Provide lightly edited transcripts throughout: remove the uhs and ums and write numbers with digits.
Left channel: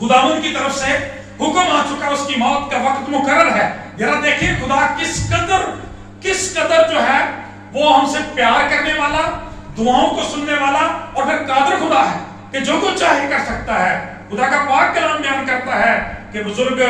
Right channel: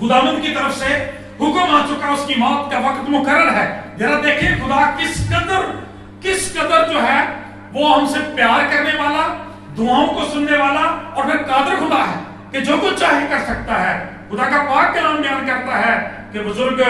खुदावंद की तरफ से हुक्म आ चुका, उसकी मौत का वक्त मुकर्रर है। जरा देखिए खुदा किस कदर जो है वो हमसे प्यार करने वाला, दुआओं को सुनने वाला और फिर कादिर खुदा है कि जो कुछ चाहे कर सकता है। खुदा का पाक कलाम बयान करता है कि बुजुर्ग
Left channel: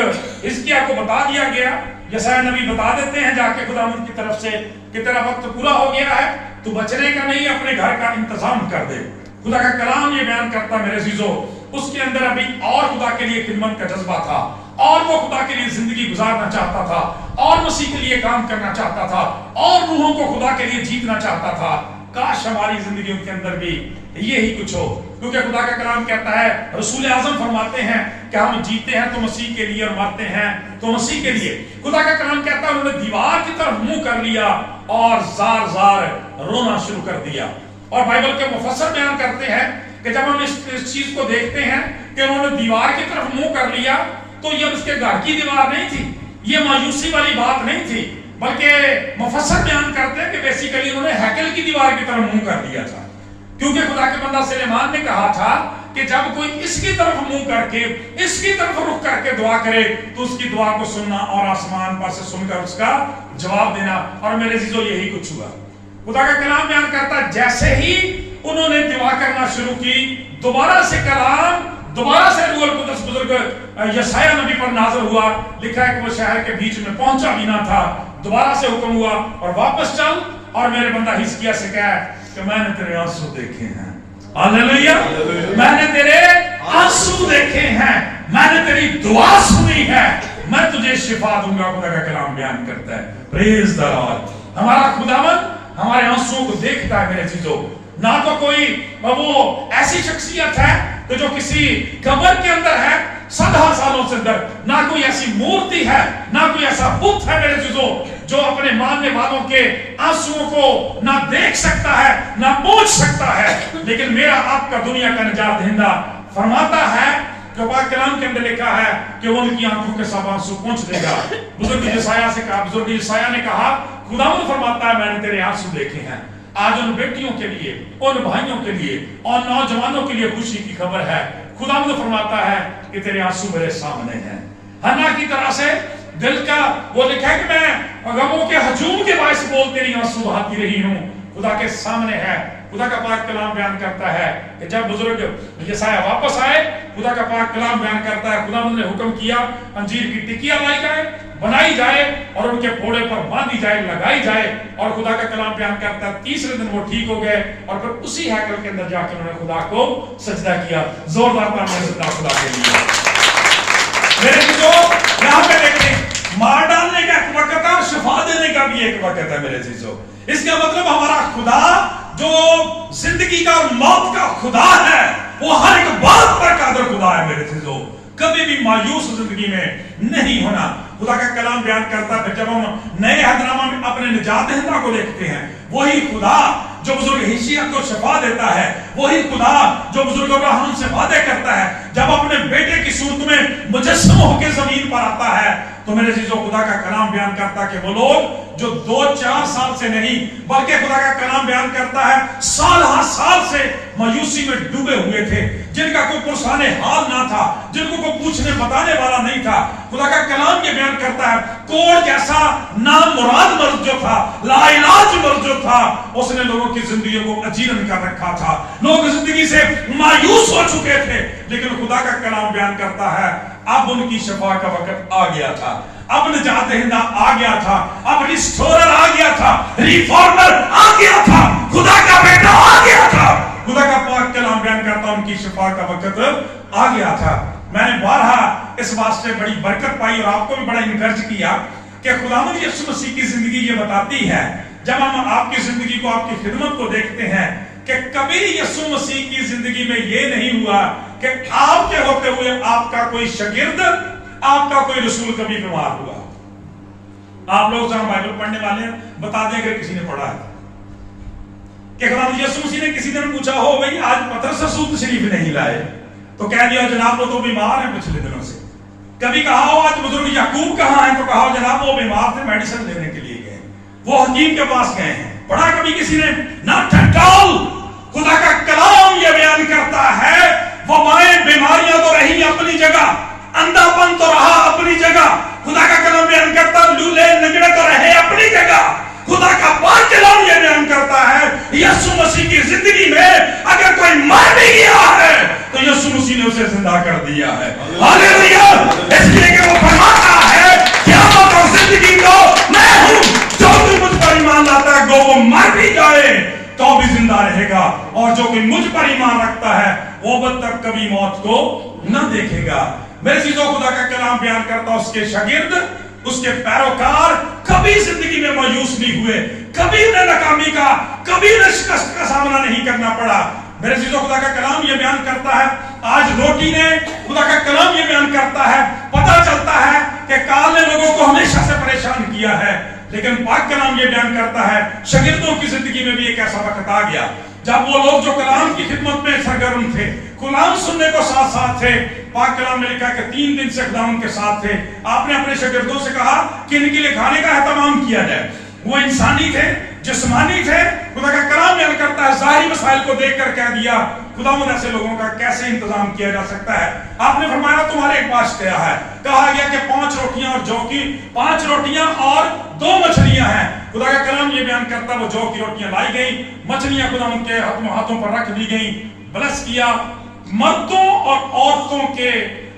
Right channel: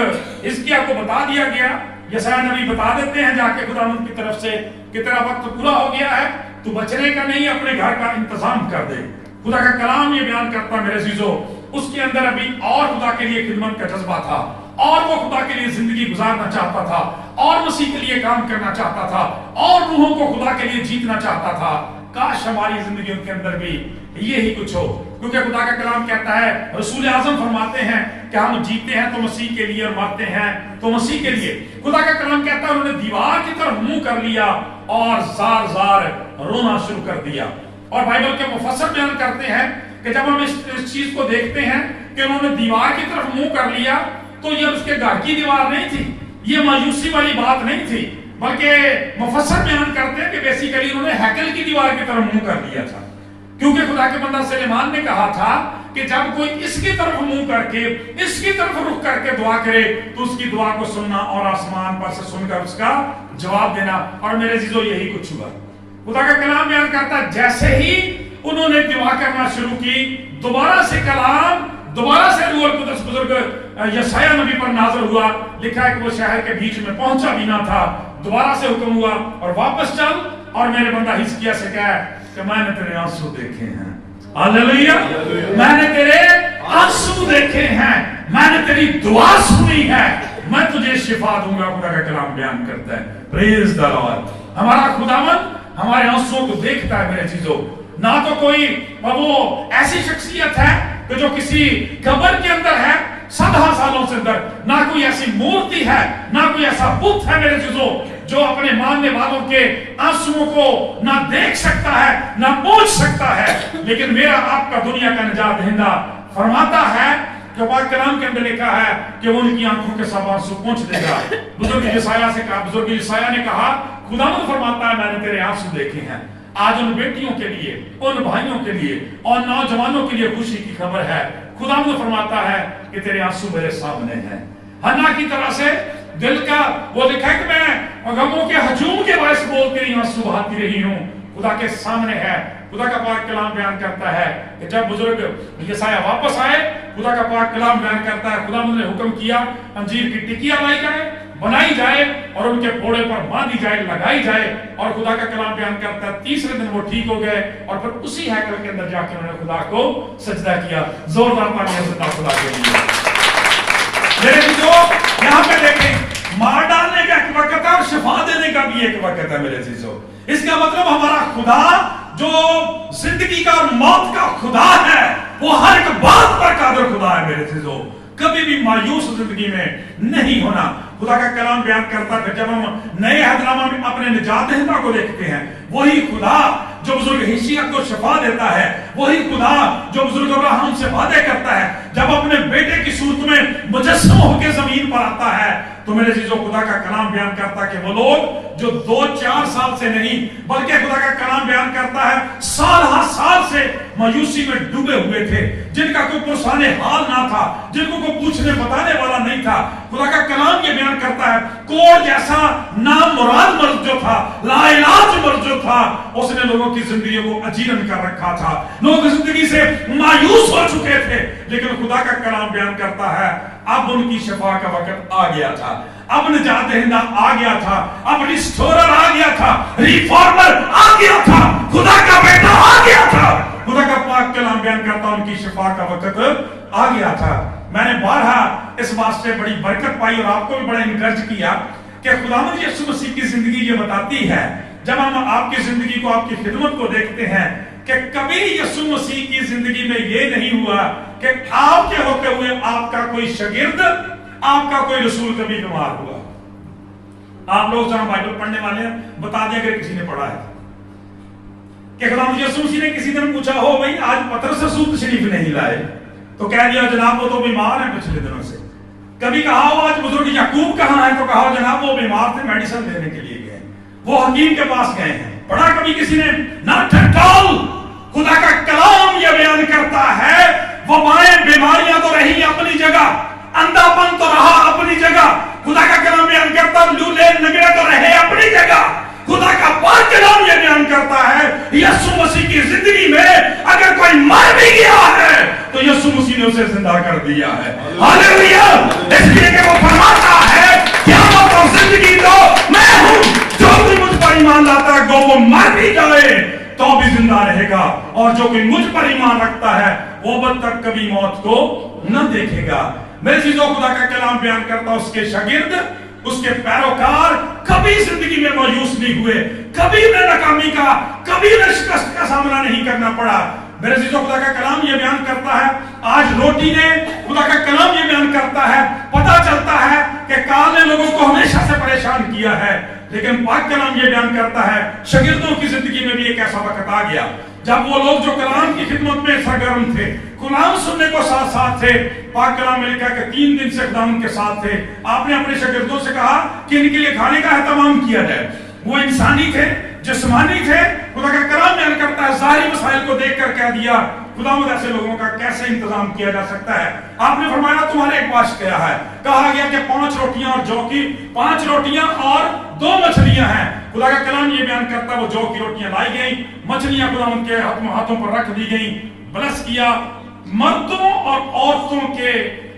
हिजकिय्याह को बता दिया गया, यशायाह नबी बता देते हैं जाके खुदावंद की तरफ से कि तेरा वक्त पूरा हो गया है, तू बचने का नहीं, अपने घर का इंतजाम कर दे। खुदा का कलाम ये बयान करता है मेरे अजीजों, उसके अंदर अभी और खुदा के लिए खिदमत का जज्बा था, और वो खुदा के लिए जिंदगी गुजारना चाहता था, और मसीह के लिए काम करना चाहता था, और रूहों को खुदा के लिए जीतना चाहता था। काश हमारी जिंदगियों के अंदर भी यही कुछ हो, क्योंकि खुदा का कलाम कहता है, रसूल आजम फरमाते हैं कि हम जीते हैं तो मसीह के लिए और मरते हैं तो मसीह के लिए। खुदा का कलाम कहता है उन्होंने दीवार की तरफ मुंह कर लिया और जार जार रोना शुरू कर दिया। और बाइबल के मुफस्सिर बयान करते हैं कि जब हम इस चीज को देखते हैं कि उन्होंने दीवार की तरफ मुंह कर लिया, तो ये उसके घर की दीवार नहीं थी, ये मायूसी वाली बात नहीं थी, बल्कि मुफस्सिर बयान करते हैं कि बेसिकली उन्होंने हैकल की दीवार की तरफ मुंह कर दिया था। क्योंकि खुदा के बंदा सुलेमान ने कहा था कि जब कोई इसकी तरफ मुंह करके, इसकी तरफ रुख करके दुआ करे तो उसकी दुआ को सुनना और आसमान पर से सुनकर उसका जवाब देना। और मेरे अजीजों यही कुछ हुआ। खुदा का कलाम बयान करता है जैसे ही उन्होंने दुआ करना शुरू की, दोबारा से कलाम, दोबारा से रूहुल कुद्दस बुजुर्ग यशायाह नबी पर नाज़िल हुआ। लिखा है कि वो शहर के बीच में पहुंचा भी ना था, दोबारा से हुक्म हुआ और वापस चल और मेरे बंदा हिजकिय्याह से कहा कि मैंने तेरे आंसू देखे हैं। हालेलुया, मैंने तेरे आंसू देखे हैं, मैंने तेरी दुआ सुनी है, मैं तुझे शिफा दूंगा। खुदा का कलाम बयान करता है, प्रेज द लॉर्ड। हमारा खुदावंद हमारे आंसुओं को देखता है मेरे चीजों। ना तो कोई वो ऐसी शख्सियत है कि जो किसी कब्र के अंदर है सदा सालों से अंदर, ना कोई ऐसी मूर्ति है, ना कोई ऐसा बुत है मेरे चीजों जो अपने मानने वालों के आंसुओं को ना देख सकता है, ना पहुंच सकता है। लेकिन मेरा आपका दुनिया का निजात दहिंदा फरमाता है कि पाक कलाम के अंदर लिखा है कि वो उनकी आंखों के सब आंसू पहुंच देगा। बुजुर्ग यशायाह से कहा, बुजुर्ग यशायाह ने कहा खुदावंद फरमाता है मैंने तेरे आंसू देखे हैं। आज उन बेटियों के लिए, उन भाइयों के लिए और नौजवानों के लिए खुशी की खबर है। खुदावंद फरमाता है कि तेरे आंसू मेरे सामने हैं। हन्ना की तरह से दिल का वो लिखा है कि मैं गमों के हजूम के बायस बोल तेरी आंसू बहाती रही हूं, खुदा के सामने है। खुदा का पाक कलाम बयान करता है कि जब बुजुर्ग यशायाह वापस आए, खुदा का पाक कलाम बयान करता है खुदावंद ने हुक्म किया अंजीर की टिकिया लाई जाए, बनाई जाए और उनके फोड़े पर बांधी जाए, लगाई जाए। और खुदा का कलाम बयान करता है तीसरे दिन वो ठीक हो गए और फिर उसी हैकल के अंदर जाकर उन्होंने खुदा को सजदा किया। जोरदार तालियां से खुदा के लिए। मेरे चीजों यहां पे देखें, मार डालने का एक वक्त है और शिफा देने का भी एक वक्त है मेरे चीजों। इसका मतलब हमारा खुदा जो जिंदगी का और मौत का खुदा है, वो हर एक बात पर कादिर खुदा है मेरे चीजों। कभी भी मायूस जिंदगी में नहीं होना। खुदा का कलाम बयान करता है जब हम नए अहदनामा में अपने निजात दहिंदा को देखते हैं, वही खुदा जो बुजुर्ग हिजकिय्याह को शिफा देता है, वही खुदा जो बुजुर्ग अब्राहम से वादे करता है, जब अपने बेटे की सूरत में मुजस्सम होकर जमीन पर आता है, तो मेरे चीजों खुदा का कलाम बयान करता कि वो लोग जो 2-4 साल से नहीं बल्कि खुदा का कलाम बयान करता है साल हर साल से मायूसी में डूबे हुए थे, जिनका कोई पुरसाने हाल ना था, जिनको कोई पूछने बताने वाला नहीं था। खुदा का कलाम ये बयान करता है कोड़ जैसा नामुराद मर्द जो था, लाइलाज मर्द जो था, उसने लोगों की जिंदगी को अजीरन कर रखा था। लोग जिंदगी से मायूस हो चुके थे, लेकिन खुदा का कलाम बयान करता है अब उनकी शफा का वक्त आ गया था, अब निजात दहिंदा आ गया था, अब रिस्टोरर आ गया था, रिफॉर्मर आ गया था, खुदा का बेटा आ गया था। खुदा का पाक कलाम बयान करता उनकी शफा का वक्त आ गया था। मैंने बारहा इस बात से बड़ी बरकत पाई और आपको भी बड़ा इनकरेज किया कि खुदावंद यीशु मसीह की जिंदगी ये बताती है, जब हम आपकी जिंदगी को, आपकी खिदमत को देखते हैं, कि कभी यीशु मसीह की जिंदगी में ये नहीं हुआ कि आपके होते हुए आपका कोई शागिर्द, आपका कोई रसूल कभी बीमार हुआ। आप लोग जहां बाइबल पढ़ने वाले हैं बता दें अगर किसी ने पढ़ा है कि खुदावंद यीशु मसीह ने किसी दिन पूछा हो भाई आज पतरस रसूल शरीफ नहीं लाए, तो कह दिया जनाब वो तो बीमार है पिछले दिनों से। कभी कहा हो आज बुजुर्ग याकूब कहां है, तो कहा जनाब वो बीमार थे, मेडिसिन लेने के लिए गए, वो हकीम के पास गए हैं। पढ़ा कभी किसी ने? Not at all. खुदा का कलाम यह बयान करता है वबाएं बीमारियां तो रही अपनी जगह, अंधापन तो रहा अपनी जगह, खुदा का कलाम बयान करता लूले नगड़े तो रहे अपनी जगह। खुदा का पाक कलाम ये बयान करता है यीशु मसीह की जिंदगी में अगर कोई मर भी गया है तो यीशु मसीह ने उसे जिंदा कर दिया है। हालेलुया। इसलिए कि वो फरमाता है क़यामत और जिंदगी को मैं हूं, जो कोई मुझ पर ईमान लाता है वो मर भी जाए तो भी जिंदा रहेगा, और जो कोई मुझ पर ईमान रखता है वो अब तक कभी मौत को न देखेगा। मेरे चीजों खुदा का कलाम बयान करता उसके शागिर्द, उसके पैरोकार कभी जिंदगी में मायूस नहीं हुए, कभी उन्हें नाकामी का, कभी उन्हें शिकस्त का सामना नहीं करना पड़ा। मेरे चीजों खुदा का कलाम ये बयान करता है, आज रोटी ने खुदा का कलाम ये बयान करता है, पता चलता है कि काल ने लोगों को हमेशा से परेशान किया है, लेकिन पाक कलाम ये बयान करता है शागिर्दों की जिंदगी में भी एक ऐसा वक्त आ गया जब वो लोग जो कलाम की खिदमत में सरगर्म थे, कलाम सुनने को साथ साथ थे, पाक कलाम में लिखा कि 3 दिन से खुदा उनके साथ थे। आपने अपने शागिर्दों से कहा कि इनके लिए खाने का एहतमाम किया जाए। वो इंसानी थे, जिस्मानी थे। खुदा का कलाम बयान करता है ज़ाहिरी मसाइल को देखकर कह दिया खुदावंद ऐसे लोगों का कैसे इंतजाम किया जा सकता है। आपने फरमाया तुम्हारे पास क्या है, कहा गया कि 5 रोटियां और जौ की 5 रोटियां और 2 मछलियां हैं। खुदा का कलाम ये बयान करता है वो जौ की रोटियां लाई गई, मछलियां खुदावंद के हाथों पर रख दी गई, ब्लेस किया। मर्दों और औरतों के,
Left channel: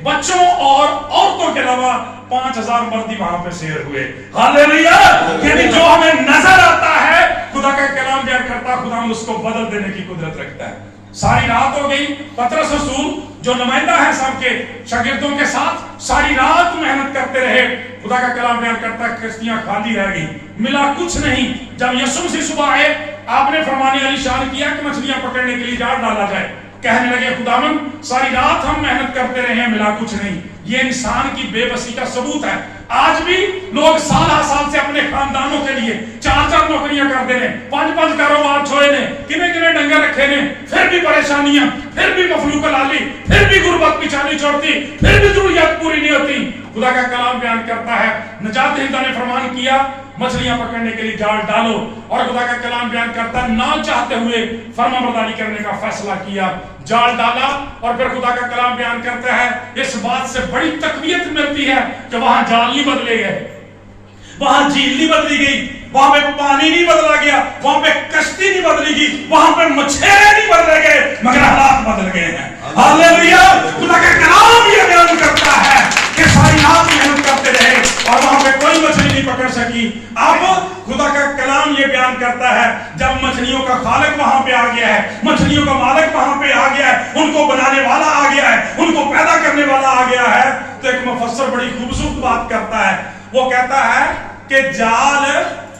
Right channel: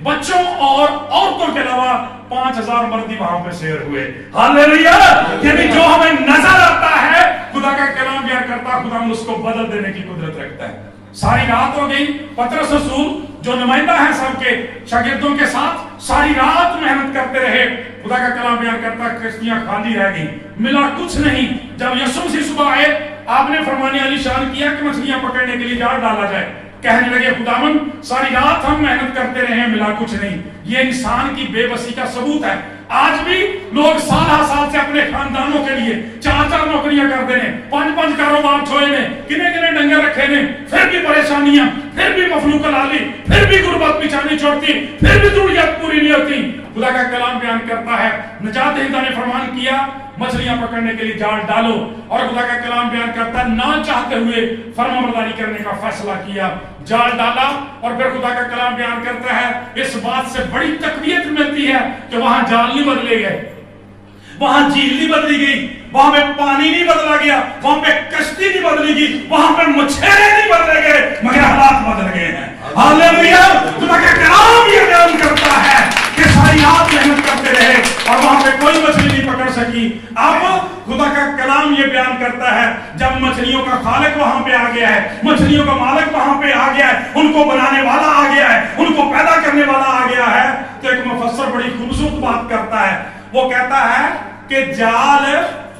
बच्चों और औरतों के अलावा 5000 मर्दी वहां पे शेर हुए। हालेलुया। यानी जो हमें नजर आता है खुदा का कलाम बयान करता खुदा उसको बदल देने की कुदरत रखता है। सारी रात हो गई, पतरस रसूल जो नुमाइंदा है सबके शागिर्दों के साथ सारी रात मेहनत करते रहे। खुदा का कलाम बयान करता है किश्तियां खाली रह गई, मिला कुछ नहीं। जब यीशु मसीह सुबह आए, आपने फरमाने आलीशान किया कि मछलियां पकड़ने के लिए जाल डाला जाए। कहने लगे खुदावंद सारी रात हम मेहनत करते रहे, मिला कुछ नहीं। ये इंसान की बेबसी का सबूत है। आज भी लोग साल से अपने खानदानों के लिए 4 नौकरियां करते ने, 5 कारोबार छोड़े ने, किने डंगर रखे ने, फिर भी परेशानियां, फिर भी मफलूक लाली, फिर भी गुर्बत पीछा नहीं छोड़ती, फिर भी जरूरियात पूरी नहीं होती। खुदा का कलाम बयान करता है नजात दहिंदा ने फरमान किया मछलियां पकड़ने के लिए जाल डालो, और खुदा का कलाम बयान करता है ना चाहते हुए फरमाबरदारी करने का फैसला किया, जाल डाला। और फिर खुदा का कलाम बयान करता है इस बात से बड़ी तकवीत मिलती है कि वहां जाल नहीं बदले गए, वहां झील नहीं बदली गई, वहां पे पानी नहीं बदला गया, वहां पे कश्ती नहीं बदली गई, वहां पे मछेरे नहीं बदले गए, मगर हालात बदल गए हैं। हालेलुया। खुदा का कलाम ये बयान करता है कि सारी रात मेहनत करते रहे और वहां पे कोई मछली नहीं पकड़ सकी। अब खुदा का कलाम ये बयान करता है जब मछलियों का खालिक वहां पे आ गया है, मछलियों का मालिक वहां पे आ गया है, उनको बनाने वाला आ गया है, उनको पैदा करने वाला आ गया है, तो एक मुफस्सर बड़ी खूबसूरत बात करता है। वो कहता है कि जाल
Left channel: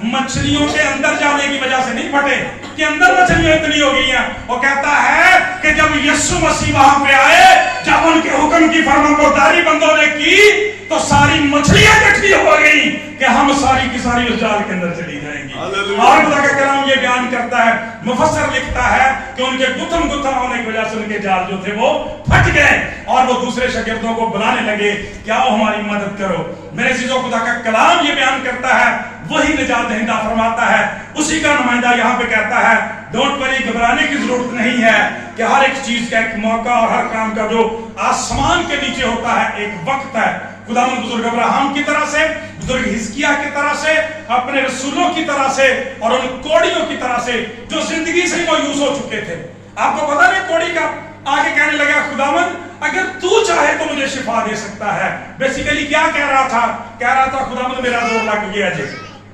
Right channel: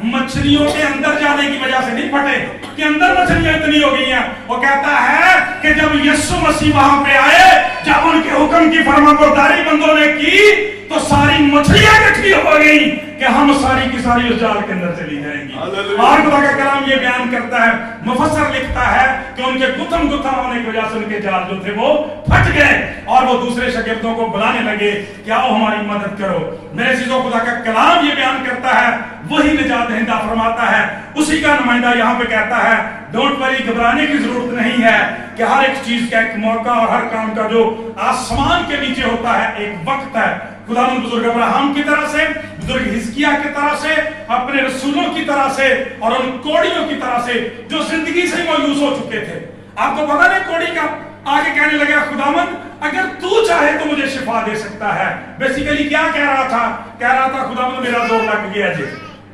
मछलियों के अंदर जाने की वजह से नहीं फटे कि अंदर मछलियां इतनी हो गई हैं। वो कहता है कि जब यीशु मसीह वहां पे आए, जब उनके हुक्म की फरमाबरदारी बंदों ने की तो सारी मछलियां इकट्ठी हो गई कि हम सारी की सारी उस जाल के अंदर चली जाएंगी। और खुदा का कलाम ये बयान करता है, मुफस्सर लिखता है कि उनके गुत्थम होने की वजह से उनके जाल जो थे वो फट गए और वो दूसरे शागिर्दों को बुलाने लगे कि आओ हमारी मदद करो। मेरे चीजों खुदा का कलाम ये बयान करता है वही निजात दहिंदा फरमाता है, उसी का नुमाइंदा यहाँ पे कहता है डोंट वरी, घबराने की जरूरत नहीं है कि हर एक चीज का एक मौका और हर काम का जो आसमान के नीचे होता है एक वक्त है। खुदावंद बुजुर्ग अब्राहम की तरह से, बुजुर्ग हिजकिय्याह की तरह से, अपने रसूलों की तरह से और उन कोड़ियों की तरह से जो जिंदगी से मायूस हो चुके थे। आपको पता नहीं कोड़ी का आगे कहने लगा खुदावंद अगर तू चाहे तो मुझे शिफा दे सकता है। बेसिकली क्या कह रहा था? कह रहा था खुदावंद मेरा जोर लग गया जी,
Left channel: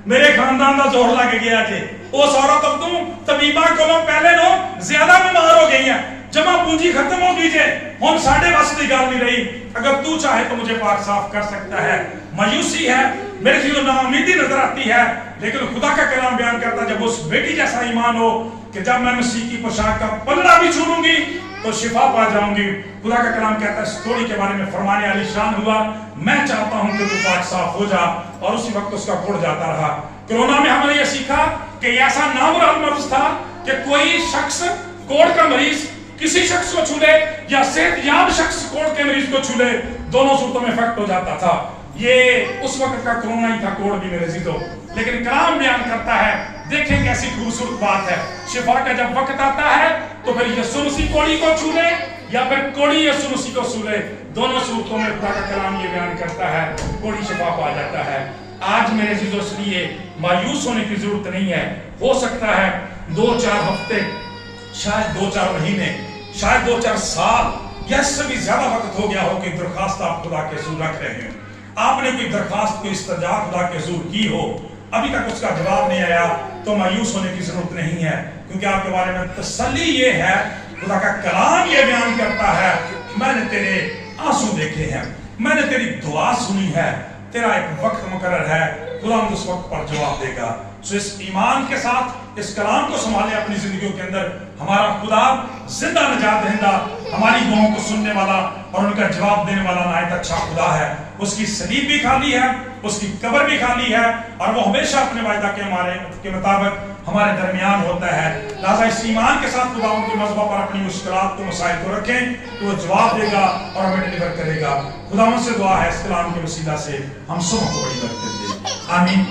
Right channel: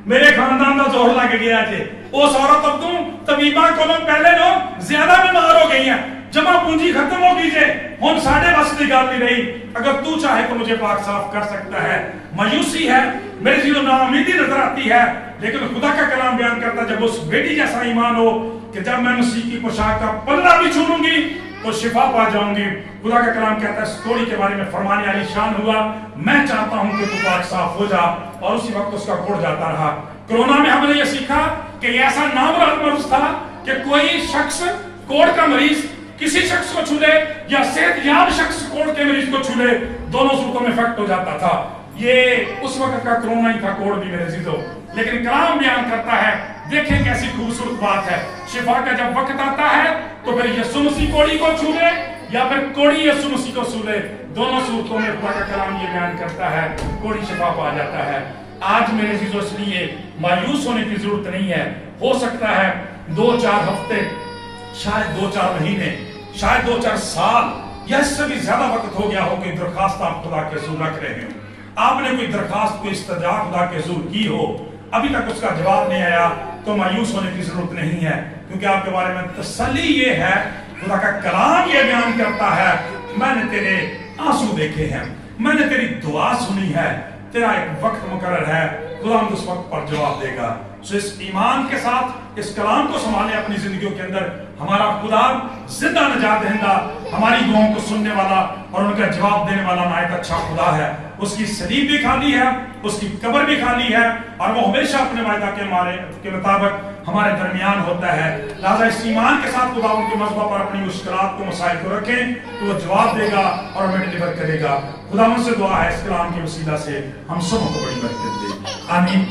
मेरे खानदान का जोर लग गया जी। उस औरत अब्दू तबीबा को पहले लोग ज्यादा बीमार हो गई हैं, जमा पूंजी खत्म हो गई जे, हम साढ़े बस की गल नहीं रही। अगर तू चाहे तो मुझे पाक साफ कर सकता है। मायूसी है, मेरे जी नाउमीदी नजर आती है, लेकिन खुदा का कलाम बयान करता जब उस बेटी जैसा ईमान हो कि जब मैं मसीह की पोशाक का पल्ला भी छूलूंगी तो शिफा पा जाऊंगी। खुदा का कलाम कहता है इस कोड़ी के बारे में फरमाने आलीशान हुआ, मैं चाहता हूं कि तू पाक साफ हो जा, और उसी वक्त उसका कोड़ जाता रहा। कोरोना में हमने ये सीखा कि ऐसा नामुराद मर्ज था कि कोई शख्स कोड़ का मरीज किसी शख्स को छूले या सेहतयाब शख्स कोड़ के मरीज को छूले, दोनों सूरतों में इफेक्ट हो जाता था। ये उस वक्त का कोरोना ही था, कोड़ भी मेरे जीजो। लेकिन कलाम बयान करता है, देखें कैसी खूबसूरत बात है, शिफा का जब वक्त आता है तो फिर यीशु मसीह कोड़ी को छूले, یا پھر کوڑی یسوع مسیح کو سو لے. دونوں صورتوں میں خدا کا کلام یہ بیان کرتا ہے کوڑی شفا پا جاتا ہے. آج میرے عزیزو اس لیے مایوس ہونے کی ضرورت نہیں ہے. ہو سکتا ہے 2-4 ہفتے، شاید 2-4 مہینے، شاید 2-4 سال یا اس سے بھی زیادہ وقت ہو گیا ہو کہ درخواست آپ خدا کے حضور رکھ رہے ہیں. آپ نے کوئی درخواست، کوئی استدعا خدا کے حضور کی ہو، ابھی تک اس کا جواب نہیں آیا، تو مایوس ہونے کی ضرورت نہیں ہے. کیونکہ آپ کے بارے میں تسلی یہ ہے، خدا کا کلام یہ بیان کرتا ہے میں نے تیرے آنسو دیکھے ہیں، میں نے تیری دعا سنی ہے، تیرا ایک وقت مقرر ہے، خدا اس وقت پر جواب دے گا. سو اس ایمان کے ساتھ اس کلام کو سنبھالیں اپنی زندگیوں کے اندر. ہمارا خدا زندہ نجات دہندہ، ہماری دعاؤں کو سننے والا اور ان کا جواب دینے والا نہایت اچھا خدا ہے. اس کی صلیب بھی خالی ہے، اس کی قبر بھی خالی ہے، اور وہ ہمیشہ اپنے وعدہ کے مطابق ہمارے درمیان ہوتا ہے. لہذا اس ایمان کے ساتھ خدا ان کے مذہب پر اپنی مشکلات کو، مسائل کو رکھیں تو وہ جواب دے گا اور ہمیں ڈیلیور کرے گا. خدا ان سے دعا ہے اس کلام کے وسیلہ سے ہم سب کو بڑی برکت دے. آمین.